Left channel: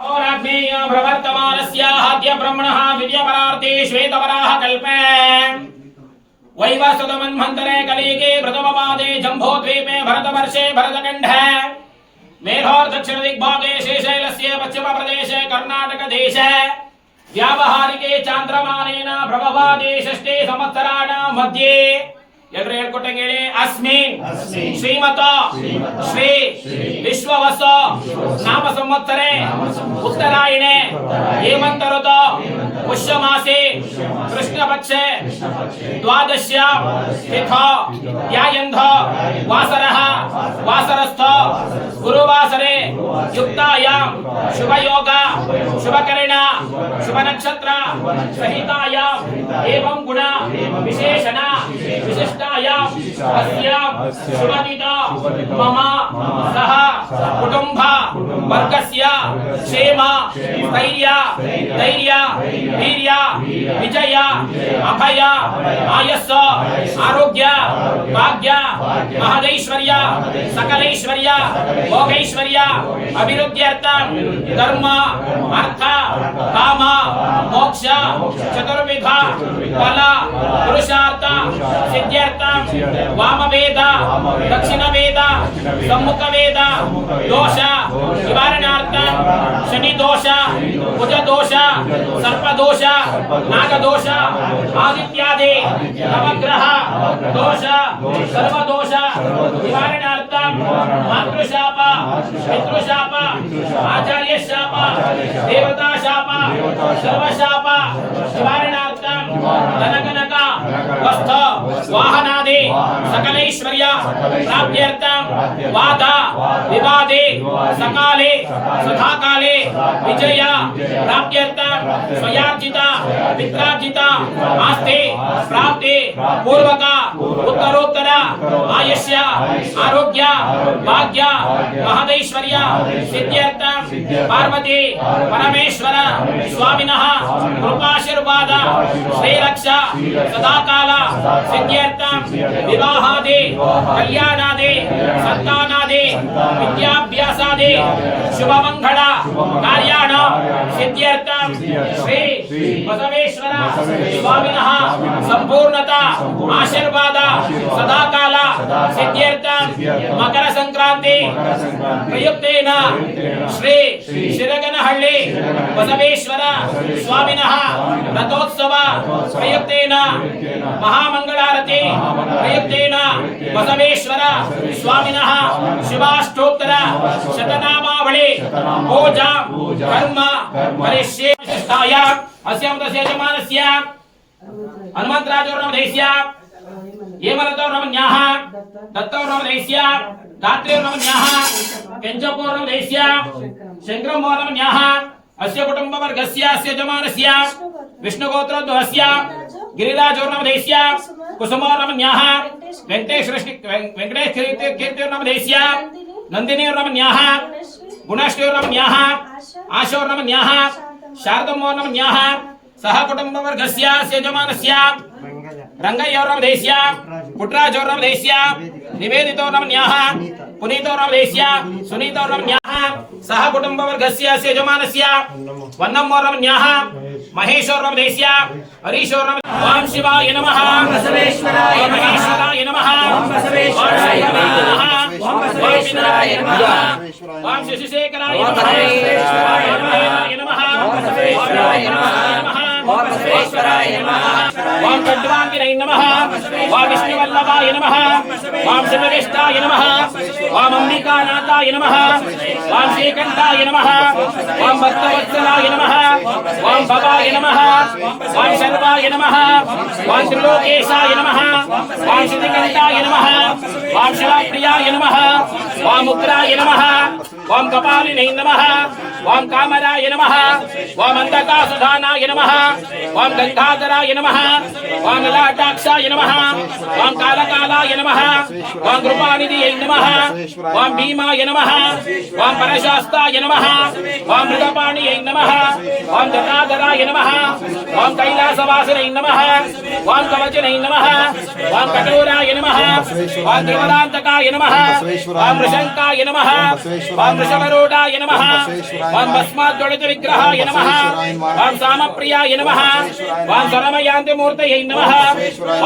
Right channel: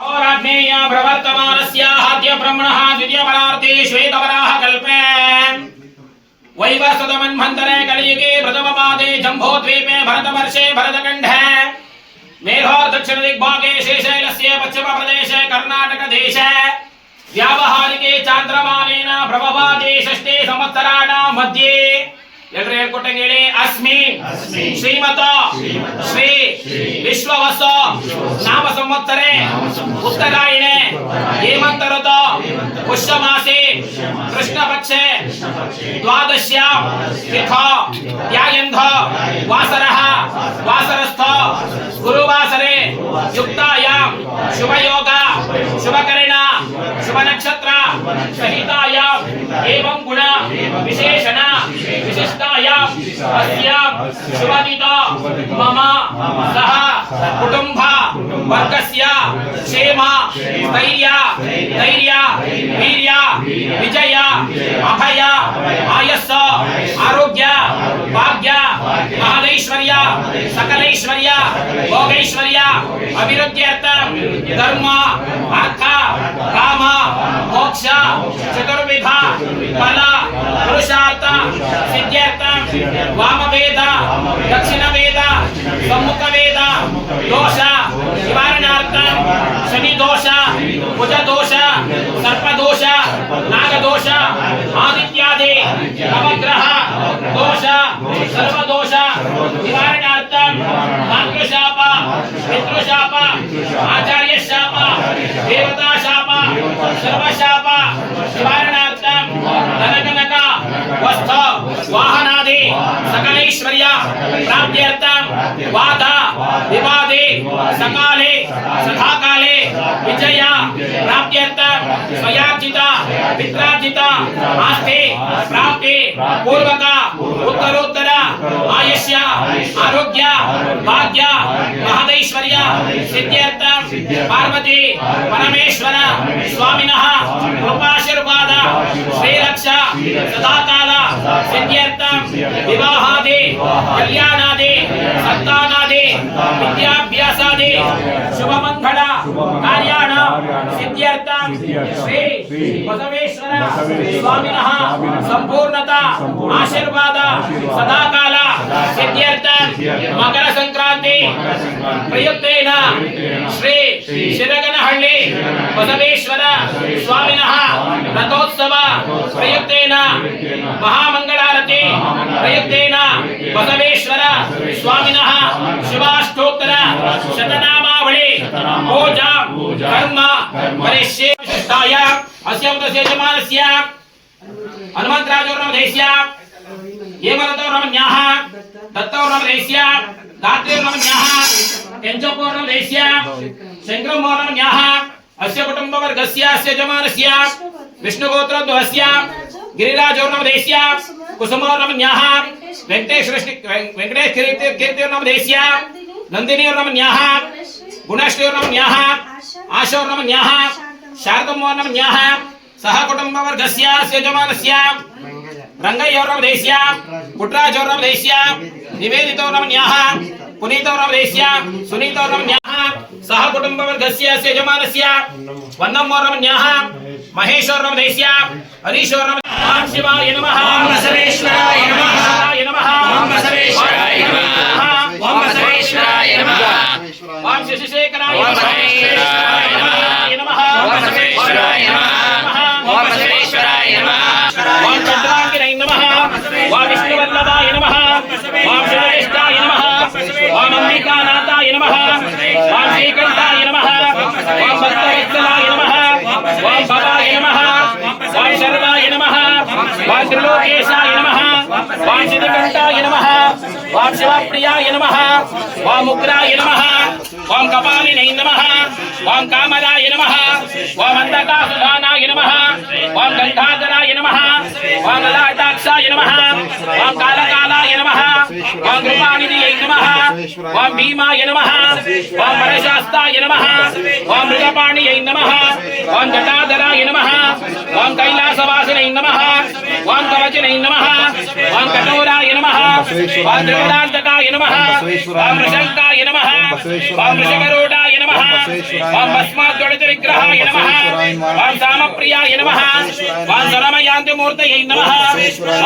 और आग्नेय प्रवर्तमानस्याद्य ब्रह्मणः द्वितीयपरार्थे श्वेतवराह कल्पे वैवस्वतमन्वन्तरे कलियुगे प्रथमपादे जम्बोद्वीपे भरतवर्षे भरतखण्डे मेघोर दक्षिण दिग्भागे श्रीशैलस्य पश्चिमप्रदेशे कर्णाटकदेशे व्यावहारिके चान्द्रमानेन प्रभवादे षष्ठे संवत्सराणां मध्ये ಎಲ್ಲರೂ ಹೇಳ್ಕೊಟ್ಟಂಗೇಳಿ ಅಸ್ಮಿ ಶ್ರೀಮತ ಶ್ರೀ ವಿಶ್ವವಸ ನಾಮ ಸಂವತ್ಸರೆ ಉತ್ತರಾಯಣೆ ಹೇಮಂತ ಋತು ಪುಷ್ಯ ಮಾಸೆ ಕೃಷ್ಣ ಪಕ್ಷೆ ದ್ವಾದಶ್ಯಾಂ ತಿಥೌ ಧ್ಯಾಯಂಧ ವಾಸರಃ ವಾಸರಸ್ಥ ಗುರುವಾಸರೆ ಯುಕ್ತಾಯಾಂ ಶುಭಯೋಗ ಶುಭಕರಣ ಶುಭ ನಕ್ಷತ್ರ ಸಹಿತಾಯಾಂ ಏವಂ ಗುಣ ವಿಶೇಷಣ विशिष्टायां अस्यां शुभदिता मम सह कुटुंब वर्गस्य क्षेम स्थैर्य धैर्य वीर्य विजय अभय आयस्स आरोग्य भाग्य महदैश्वर्य सकलैश्वर्य भोगैश्वर्य अभिवृद्ध्यर्थं धर्म अर्थ काम मोक्ष चतुर्विध फल पुरुषार्थ सिद्ध्यर्थं वामवेद दक्षिणवेद सम्मुखवेद दोष निवारणार्थं शनि दोष कुज दोष सर्प दोष नाग दोष आदित्यादि नवग्रह दोष सर्व दोष निवारणार्थं मातृशाप पितृशाप आचार्य शाप देवता शाप सर्वशाप निवारणार्थं धनकनक वस्त्र वाहनादि सकलैश्वर्य प्राप्त्यर्थं वाद विवादे सकाले सदाकाले विजय प्राप्त्यर्थं स्वयार्जित पित्रार्जित आस्ते प्राप्ते पूर्वक उत्तरोत्तर आयुष्य आरोग्य भाग्य महदैश्वर्य सिद्ध्यर्थं पार्वती परमेश्वर स्वामिनः कृपाशीर्वाद श्रीरक्षा सदाकाल सिद्ध्यर्थं विवाहादि कल्याणादि संतानादि विद्याभ्यासादि शुभमंगल कार्याणां सिद्ध्यर्थं श्री बसवेश्वर स्वामिनः संपूर्णता आशीर्वाद सदाकाल सिद्ध्यर्थं मकर संक्रांति प्रयुक्तेन श्री शिरगनहಳ್ಳಿ बसवेश्वर स्वामिनः रथोत्सव प्रयुक्तेन महामंगलारती प्रयुक्तेन बसवेश्वर स्वामिनः शुभाष्टोत्तर शतनामावळि पूजा कर्म करिष्ये विशिष्टाय अस्यं यजमानस्य हनुमन्तराजोर्नमदेस्य हेमलतोर्नमन्याः दत्तोर्नमदेस्य दात्रेर्नमन्याः केञ्चपोर्नमदेस्य शङ्करमोर्नमन्याः अस्य कुटुम्बवर्गस्य अस्य यजमानस्य विष्णुगोत्रद्वस्य गिरिराजोर्नमदेस्य कुसुमोर्नमन्याः वेंकटेश कीर्तिर्नमदेस्य नन्दिनीर्नमन्याः गुणश्रीर्नमन्याः आशोर्नमन्याः शारदमोर्नमन्याः सह कुटुम्बवर्गस्य अस्य यजमानस्य रंगय्योर्नमदेस्य पुट्राजोर्नमदेस्य निवेदितोर्नमन्याः पुनीतोर्नमदेस्य सुनीतोर्नमन्याः सह कुटुम्बवर्गस्य अस्य यजमानस्य वन्नमोर्नमन्याः महेशोर्नमदेस्य हरीशोर्नमन्याः ओम शिवाय नमः ओम बसवेश्वराय नमः ओम बसवेश्वराय नमः ओम बसवेश्वराय नमः ओम शशिशेखराय नमः ओम बसवेश्वराय नमः ओम बसवेश्वराय नमः ओम चंद्रांगिने नमः ओम विष्णुवल्लभाय नमः ओम शिवज्येष्ठाय नमः ओम अंबिकानाथाय नमः ओम श्रीकंठाय नमः ओम भक्तवत्सलाय नमः ओम भवाय नमः ओम सर्वाय नमः ओम त्रिलोकेशाय नमः ओम श्रीकंठाय नमः ओम शिवप्रियाय नमः ओम उग्राय नमः ओम कपालिने नमः ओम कामराय नमः ओम अंधकासुधानाय नमः ओम गंगाधराय नमः ओम ललाटाक्षाय नमः ओम कालकालाय नमः ओम कृपानिधये नमः ओम भीमाय नमः ओम परशास्ताय नमः ओम मृगपाणिये नमः ओम जटा गंगाधराय नमः ओम कैलासवासिने नमः ओम कवचने नमः ओम कठोराय नमः ओम त्रिपदान्तकाय नमः ओम ऋषंकाय नमः ओम ऋषभरूढाय नमः ओम भस्माद्गणित विग्रहाय नमः ओम सामप्रियाय नमः ओम स्वरमयान्ति मूर्तये नमः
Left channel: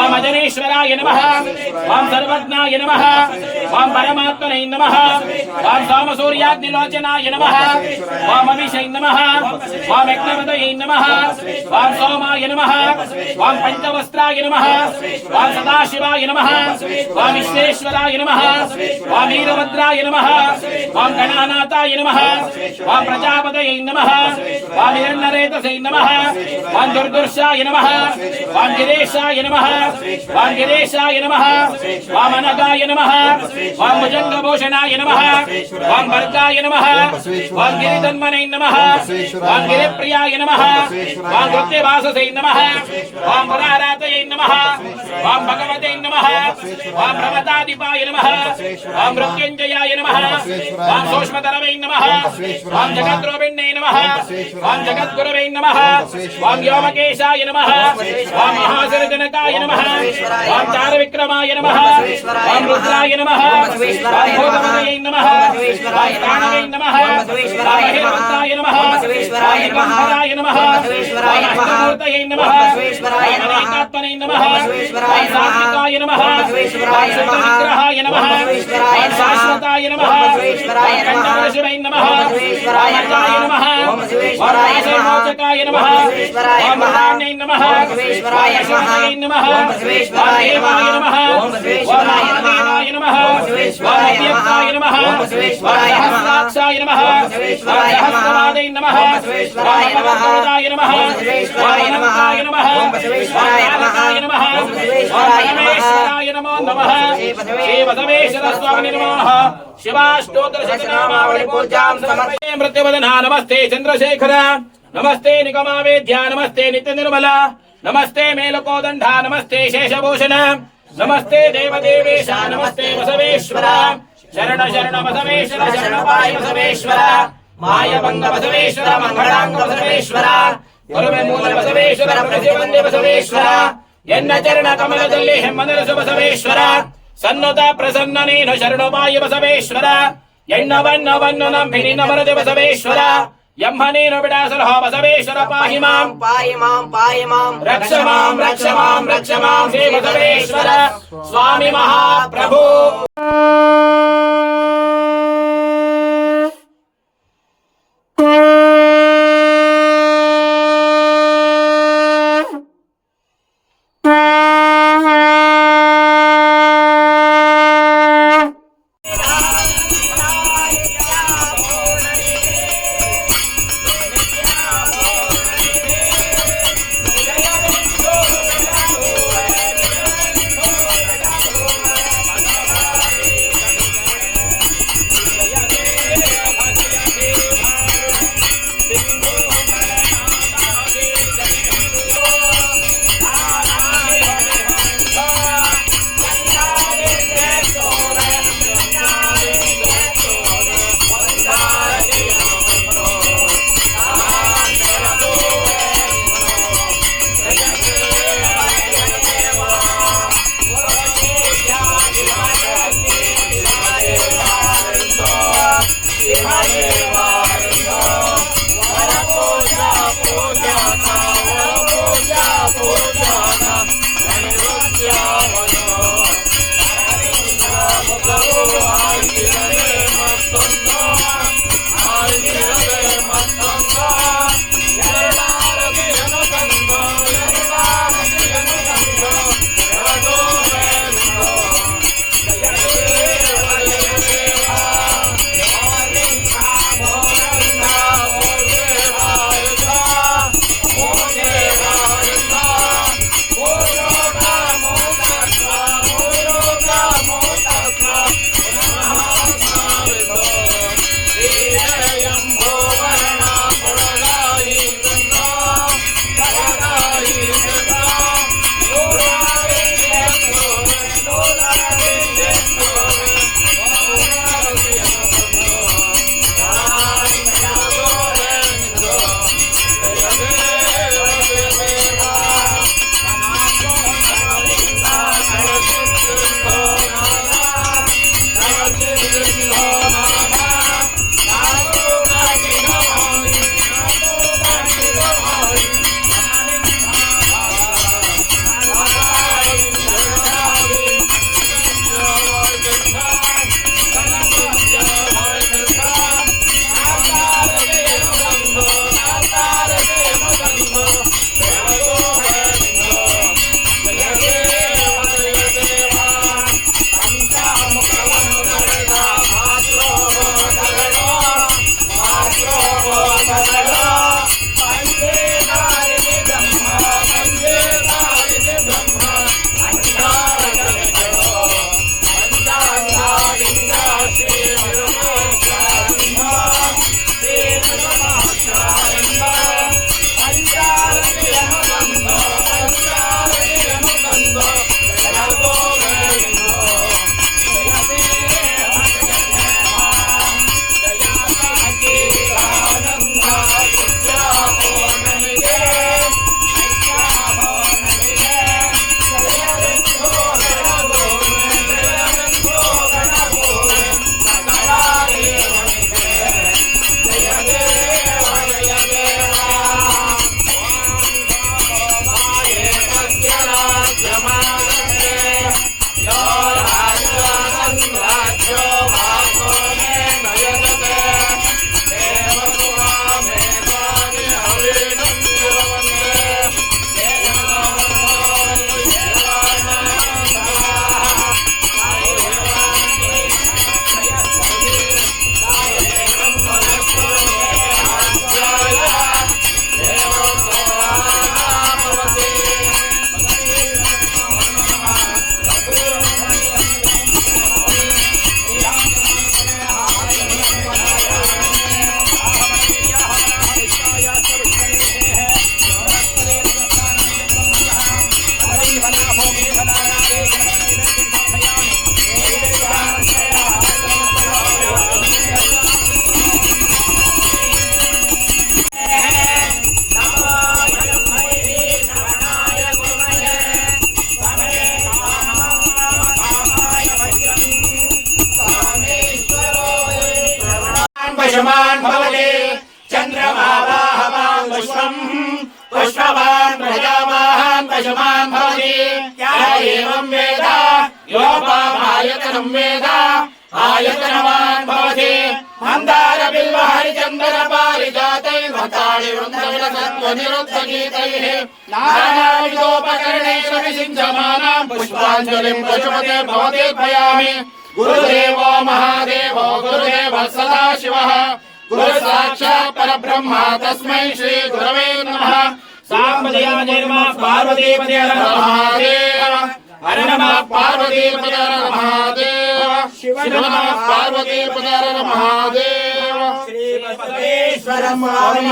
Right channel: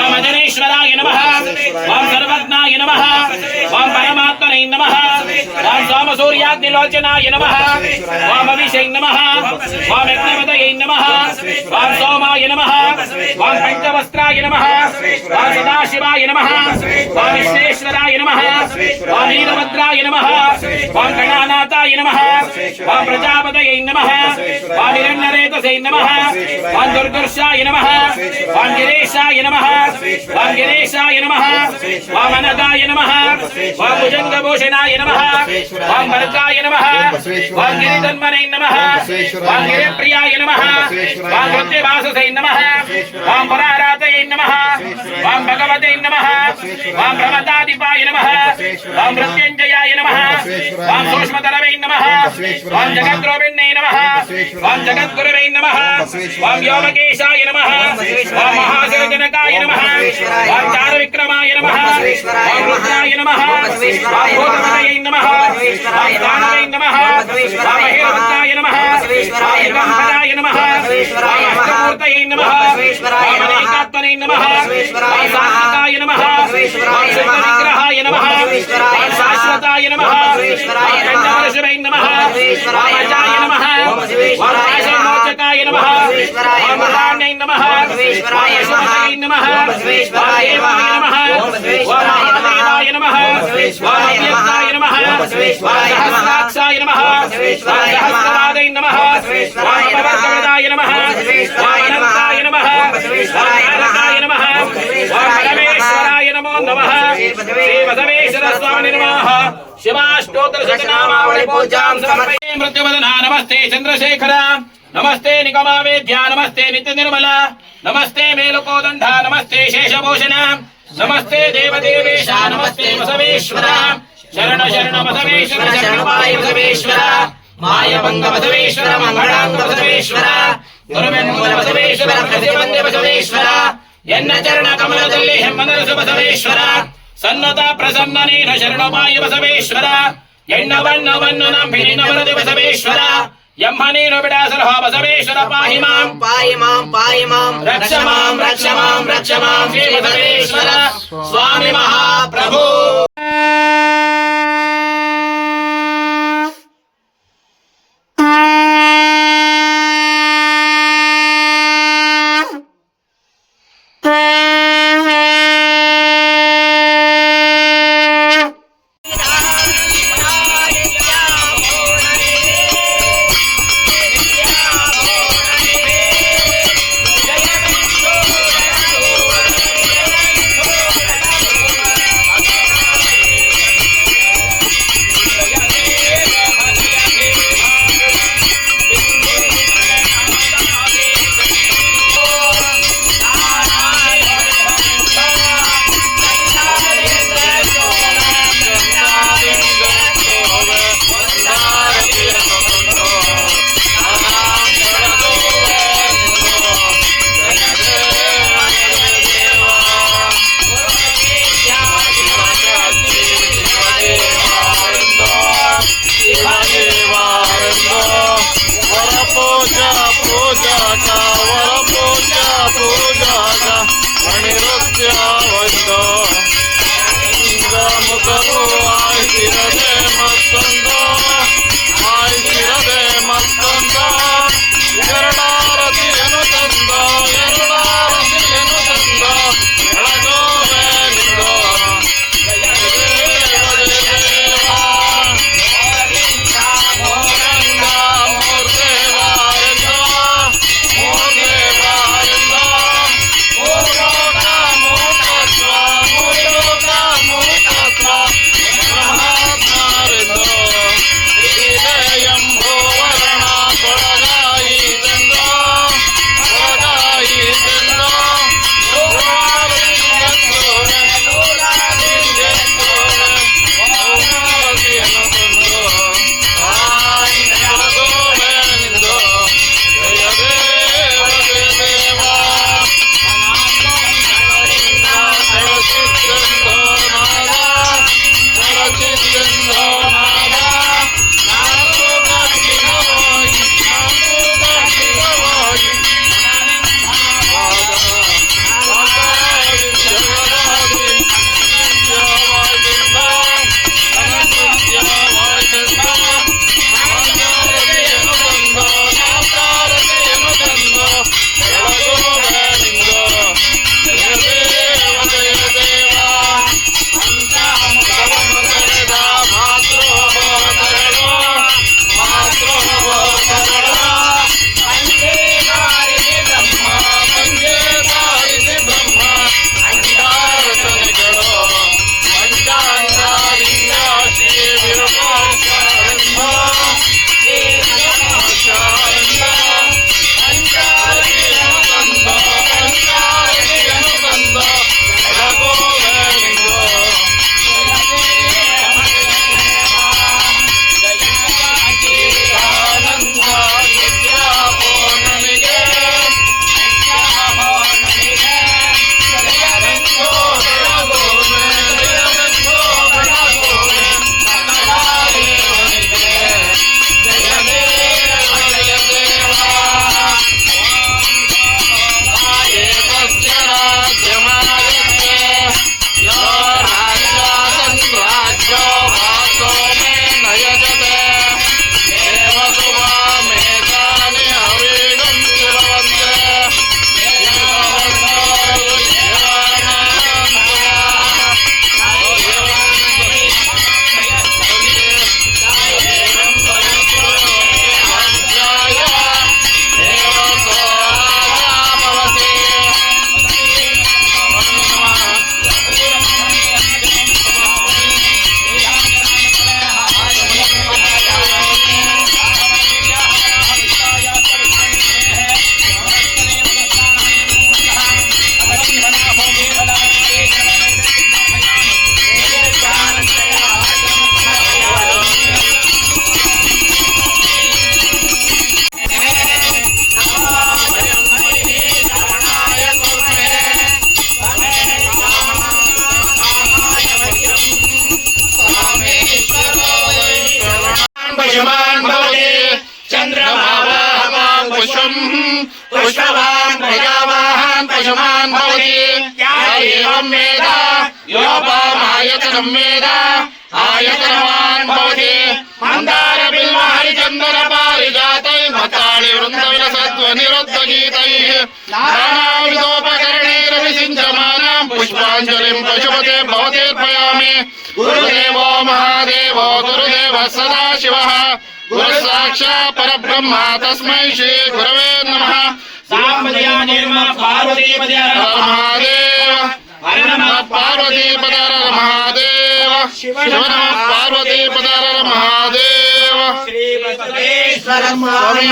ओम अजनेश्वराय नमः ओम सर्वज्ञाय नमः ओम परमात्मने नमः ओम सोमसूर्याग्निलोचनाय नमः ओम अभिषे नमः ओम यज्ञपतये नमः ओम सोमाय नमः ओम पंचवस्त्राय नमः ओम सदाशिवाय नमः ओम विश्वेश्वराय नमः ओम वीरभद्राय नमः ओम गणानाथाय नमः ओम प्रजापतये नमः ओम हिरण्यरेतसे नमः ओम दुर्गुर्षाय नमः ओम गिरीशाय नमः ओम गिरीशाय नमः ओम अनगाय नमः ओम भुजंगभूषणाय नमः ओम भर्गाय नमः ओम गिरिधन्मने नमः ओम गिरिप्रियाय नमः ओम वृत्तिवाससे नमः ओम पुरारातये नमः ओम भगवते नमः ओम प्रमदाधिपाय नमः ओम मृत्युंजयाय नमः ओम सूक्ष्मतरवे नमः ओम जगद्रूपिणे नमः ओम जगद्गुरवे नमः ओम व्योमकेशाय नमः ओम महासिरजनकाय नमः ओम चारुविक्रमाय नमः ओम रुद्राय नमः ओम भूतपतये नमः ओम दानवे नमः ओम महेश्वराय नमः ओम दिगंबराय नमः ओम अष्टमूर्तये नमः ओम अनेकात्मने नमः ओम सात्विकाय नमः ओम शुद्धविग्रहाय नमः ओम शाश्वताय नमः ओम खण्डपुरुषवे नमः ओम अजाय नमः ओम वासुमोचकाय नमः ओम मृदान्ये नमः ओम पशुपतये नमः ओम देवाय नमः ओम महादेवाय नमः ओम अव्यक्ताय नमः ओम सहस्राक्षाय नमः ओम सहस्रपादये नमः ओम अपवर्तनाय नमः ओम अनन्ताय नमः ओम तारकाय नमः ओम परमेश्वराय नमो नमः श्री बसवेश्वर स्वामिने नमः शिवाष्टोत्तर शतनामावली पूजां समर्पये मृत्युवदना नमस्ते चंद्रशेखर नमस्ते निगमावेद्या नमस्ते नित्य निर्मला नमस्ते मेलकोदंडा नमस्ते शेषभूषण नमस्ते देवदेवेश नमस्ते बसवेश्वर शरण शरण बसवेश्वर शरणपाय बसवेश्वर मायभंग बसवेश्वर मंगलांग बसवेश्वर गुरुविमूल बसवेश्वर प्रतिबंधे बसवेश्वर ಎನ್ನ ಚರಣ ಕಮಲದಲ್ಲಿ ಹೆಮ್ಮನರಸು ಬಸವೇಶ್ವರ ಸನ್ನತ ಪ್ರಸನ್ನ ನೀನು ಶರಣಪಾಯ ಬಸವೇಶ್ವರ ಎಣ್ಣವನ್ನವನ್ನು ನಂಬಿರಿ ನಮರದು ಬಸವೇಶ್ವರ ಎಮ್ಮ ನೀನು ಬಿಡಾಸಲಹ ಬಸವೇಶ್ವರ ಪಾಹಿ ಮಾಂ ರಕ್ಷ ಮಾಂ ಶ್ರೀ ಬಸವೇಶ್ವರ ಸ್ವಾಮಿ ಮಹಾಪ್ರಭು पश्यमान् भवति चन्द्रमा वाहवान् पुष्पम् पुष्पवान् प्रजावान् पशुमान् भवति क्या एवं वेद योपामायतनं वेद आयतनवान् भवति मन्दार बिल्व हरिचन्दन पारिजातैः मताळि वृन्दविलसत्त्वनिरुद्धगीतैः नानाविधोपकरणैः विसिञ्चमानां पुष्पाञ्जलिं पशुपते भवतीर्पयामि गुरुदेवो महादेवो गुरुदेवः सदाशिवः गुरु साक्षात् परब्रह्म तस्मै श्री गुरवे नमः साम्बदेवाय नमः पार्वतीपदे महादेव हर नमः पार्वतीपदे महादेव शिव नमः पार्वतीपदे महादेव श्री बसवेश्वर स्वामी